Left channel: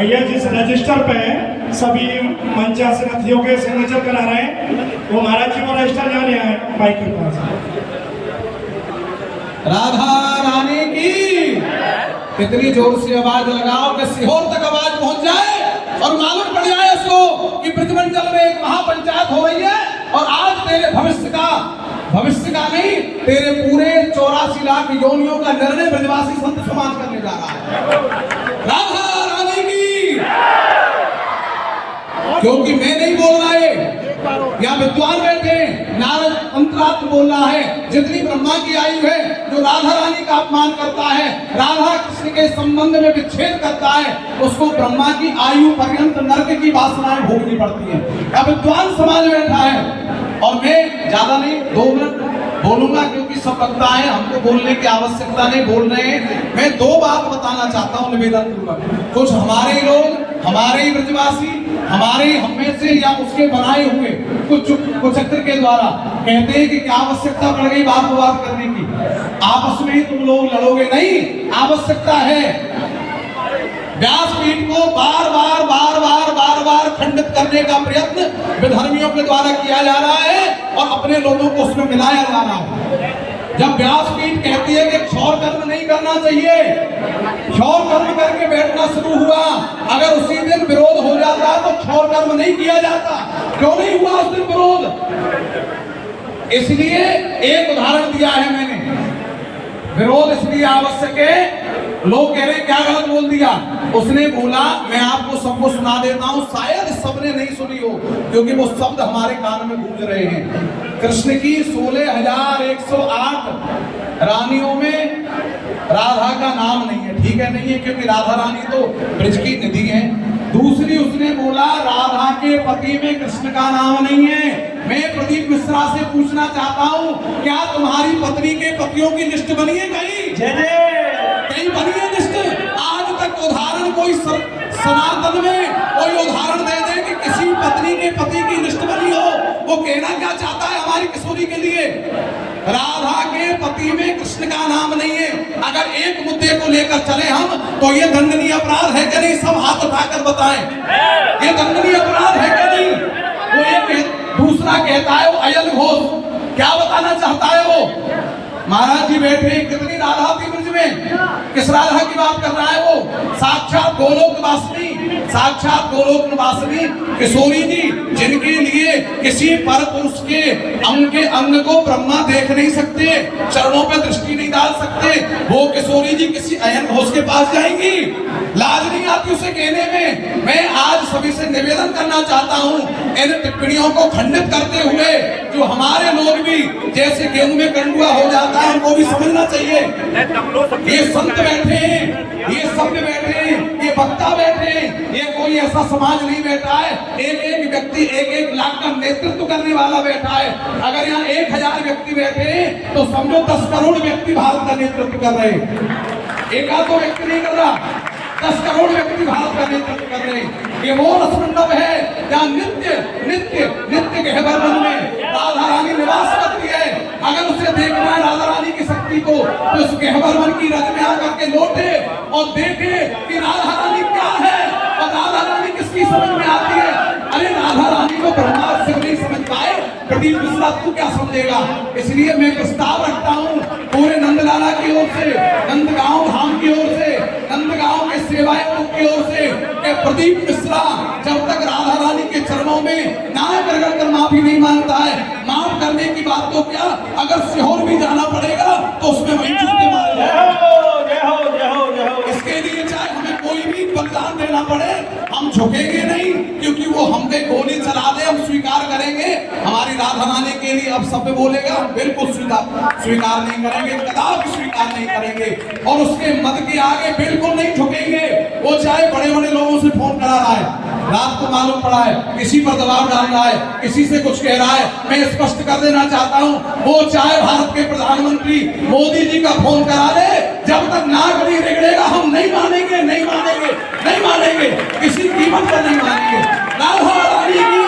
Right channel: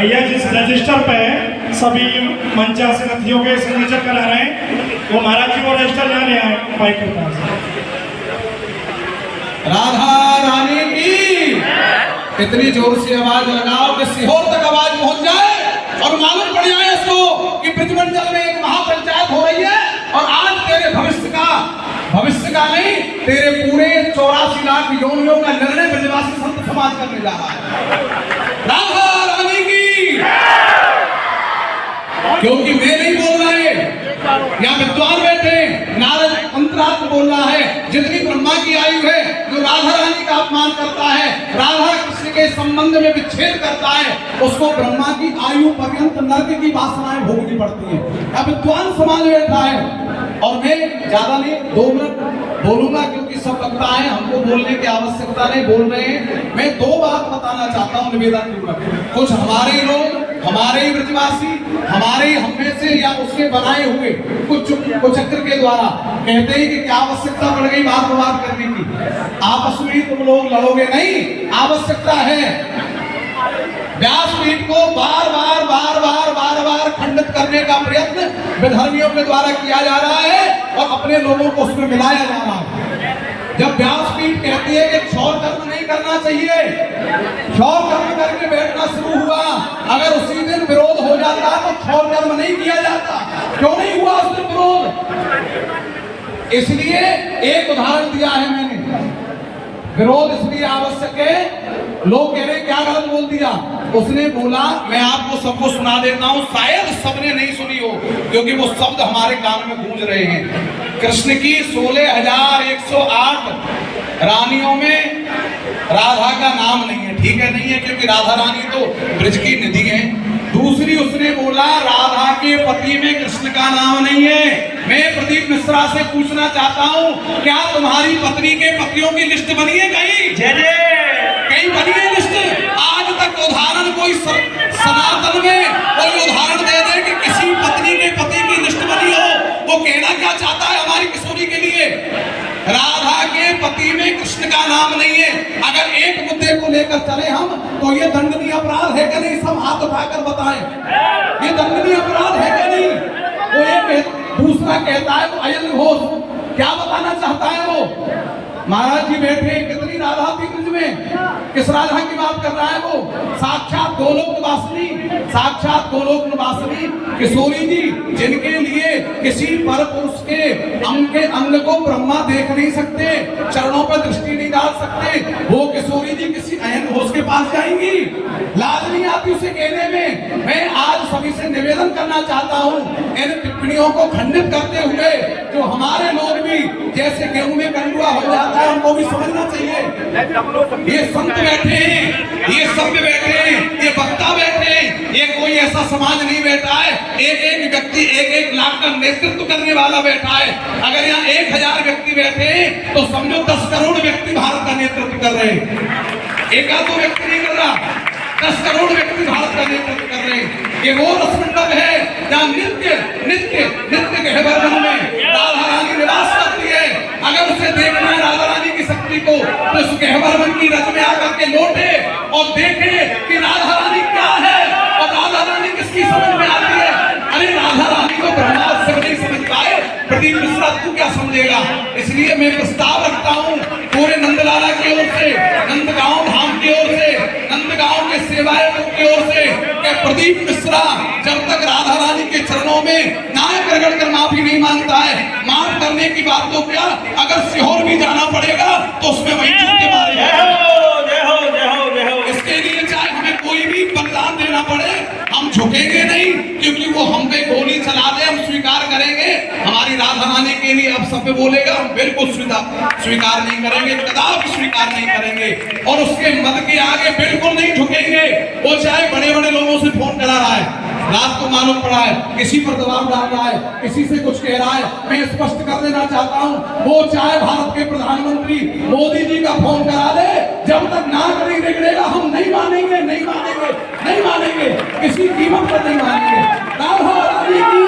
भैया जिस रजिस्टर पे सभी 85 नथियों के सिग्नेचर करा रहे हैं वो महाराज जी को रजिस्टर ले रहे हैं भाई के पास। राधा रानी की कितनी जोर से आवाज लगाओ कि सीहोर तक आवाज पहुंच जाए और मालूम पड़ जाए इसको कि ब्रजमंडल में एक महापंचायत हो रही है और आज तेरे भविष्य का नहीं, तेरे पूरे 84 लाख योनियों का निर्णय ब्रजवासी संत समाज करने जा रहा है। राधा रानी की, क्योंकि मैं नहीं बोल रहा है, यहाँ विद्वान बैठे, नारद अंतरात्मा बोल रहा है। जितनी ब्रह्मा की आयु है, जो राधा रानी का अपमान करता है, राधा कृष्ण के संबंध में विच्छेद करता है, उसको ब्रह्मा की आयु पर्यंत नरक की वासनाएं भोगनी पड़ती है। अब विद्वान समाज बैठा है और मैं ज्यादा नहीं 2 मिनट बोलूंगा क्योंकि सब लगता है हमको बोलने की आवश्यकता नहीं, बोल रहे हैं। मैं 2 बात बताना चाहता हूँ निवेदन पूर्वक। कुछ हमारे लोग, हमारे ही ब्रजवासी, हमारे हम में से या उसके बनाए हुए कुछ चक्र के द्वारा कहते हैं कि क्या आवश्यकता पड़ गई बात करने की, आपस में ही तुम लोग लड़ोगे नहीं। आवश्यकता है व्यासपीठ को बार बार खंडित करने का प्रयत्न विधर्मियों के द्वारा किया जा रहा है और अपने लोगों को उसमें मिलाया जा रहा है। जब व्यासपीठ कहती है कि क्षौर कर्म नहीं करना चाहिए, क्षौर कर्म करके बैठना शुरू हुआ, अगर उसी दिन विरोध हो जाता तो क्षौर कर्म नहीं किया जाता। क्यों नहीं हुआ उस दिन विरोध? इसलिए एक उदाहरण दिया है मैंने। विरोध इसलिए आवश्यक है, लोग कह रहे क्या गलत बोल दिया, उसने बोला मैं आपको सबको सुना देता हूं, शायद सबने नहीं सुनी हो क्योंकि वो शब्द हमारे कान में गूंज रहे हैं। कृष्ण की 16,108 रानियों में राधा का नाम नहीं है, ठीक है नहीं है, क्योंकि राधा रानी तो ब्रज की निधि है। दूसरी उसने बोला राधा के पति में कृष्ण का नाम नहीं है। मैं प्रदीप मिश्रा से पूछना चाहता हूँ, क्या तुम्हारी पत्नी के पतियों की लिस्ट बनी है कहीं? कहीं बनी है लिस्ट? आज तक उदाहरण कोई सनातन में कोई उदाहरण दे दे कि किसी पत्नी के पति की लिस्ट बनी हो? वो कहना क्या चाहता है हमारी किशोरी के लिए? राधा के पति में कृष्ण का नाम नहीं है। अगर एक मुद्दे को लेकर चले हम तो ये दंडनीय अपराध है कि नहीं? सब हाथ उठाकर बताएं, ये दंडनीय अपराध है कि नहीं? वो एक दूसरा कहता है वो अयल घोष, क्या बताना चाहता है वो? महाराज जी बैठे, कितनी राधा थी ब्रज में, किस राधा की बात कर रहा है वो? साक्षात गोलोक निवासिनी किशोरी जी, जिनके लिए किसी पर पुरुष के अंग को ब्रह्मा देख नहीं सकते, चरणों पर दृष्टि नहीं डाल सकते, वो किशोरी जी किसी अयन घोष के पास जाएंगी? लाज नहीं आती उसे कहने में? मैं आज सभी से निवेदन करना चाहता हूँ, इन टिप्पणियों को खंडित करते हुए जो हमारे लोग भी जैसे गेहूं में कंडुआ हो जाता है उनको भी समझना चाहिए। ये संत बैठे हैं, ये सभ्य बैठे हैं, ये वक्ता बैठे हैं, ये कोई ऐसा समाज नहीं बैठा है एक व्यक्ति 1-1 लाख का नेतृत्व करने वाला बैठा है। अगर यहाँ 1000 व्यक्ति बैठे हैं तो समझो 10 करोड़ व्यक्ति भारत का नेतृत्व कर रहे हैं। एक आध व्यक्ति नहीं कर रहा, 10 करोड़ व्यक्ति भारत का नेतृत्व कर रहे हैं। ये वो रसमंडप है जहाँ नित्य गहबरवन में राधा रानी निवास करती है। अगर उसे देखना है राधा रानी की शक्ति को तो उस गहबरवन की रज में आकर के लौटे और देखे कि राधा रानी क्या है और राधा रानी किसकी समझ में आती है। अरे राधा रानी को ब्रह्मा शिव नहीं समझ पाए, प्रदीप मिश्रा तू क्या समझेगा? इसलिए मैं प्रस्ताव रखता हूँ पूरे नंदलाला की ओर से, नंदगांव धाम की ओर से, नंदगांव के सेवाएं की ओर से कि प्रदीप मिश्रा जब तक राधा रानी के चरणों में नाक रगड़ कर माफी नहीं मांगता है, माफ करने की बात तो क्या, अगर सीहोर भी जाना पड़ेगा तो उसमें वही चुपके मारेगा। इसके लिए चाहे हमें कोई भी बलिदान देना पड़े हम झुकेंगे नहीं, क्योंकि वो हम पे गोली चला दे हम स्वीकार करेंगे। हमारी राधा रानी के लिए अब सब बोलेगा हम बिल्कुल स्वीकार नहीं करेंगे, कदापि स्वीकार नहीं करेंगे और उसके मत के आगे बिल्कुल नहीं झुकेंगे। वो चाहे बड़े बड़े लोगों से फोन करा रहा है, रात को मालूम पड़ा है किसी पर दबाव डाल रहा है, किसी से कुछ कह रहा है, मैं स्पष्ट कर देना चाहता हूं, वो चाहे भारत के प्रधानमंत्री मोदी जी का फोन करा दे, जब तक नाक नहीं रगड़ेगा हम नहीं मानेंगे, नहीं मानेंगे, नहीं मानेंगे, किसी कीमत पर नहीं मानेंगे। राधा रानी की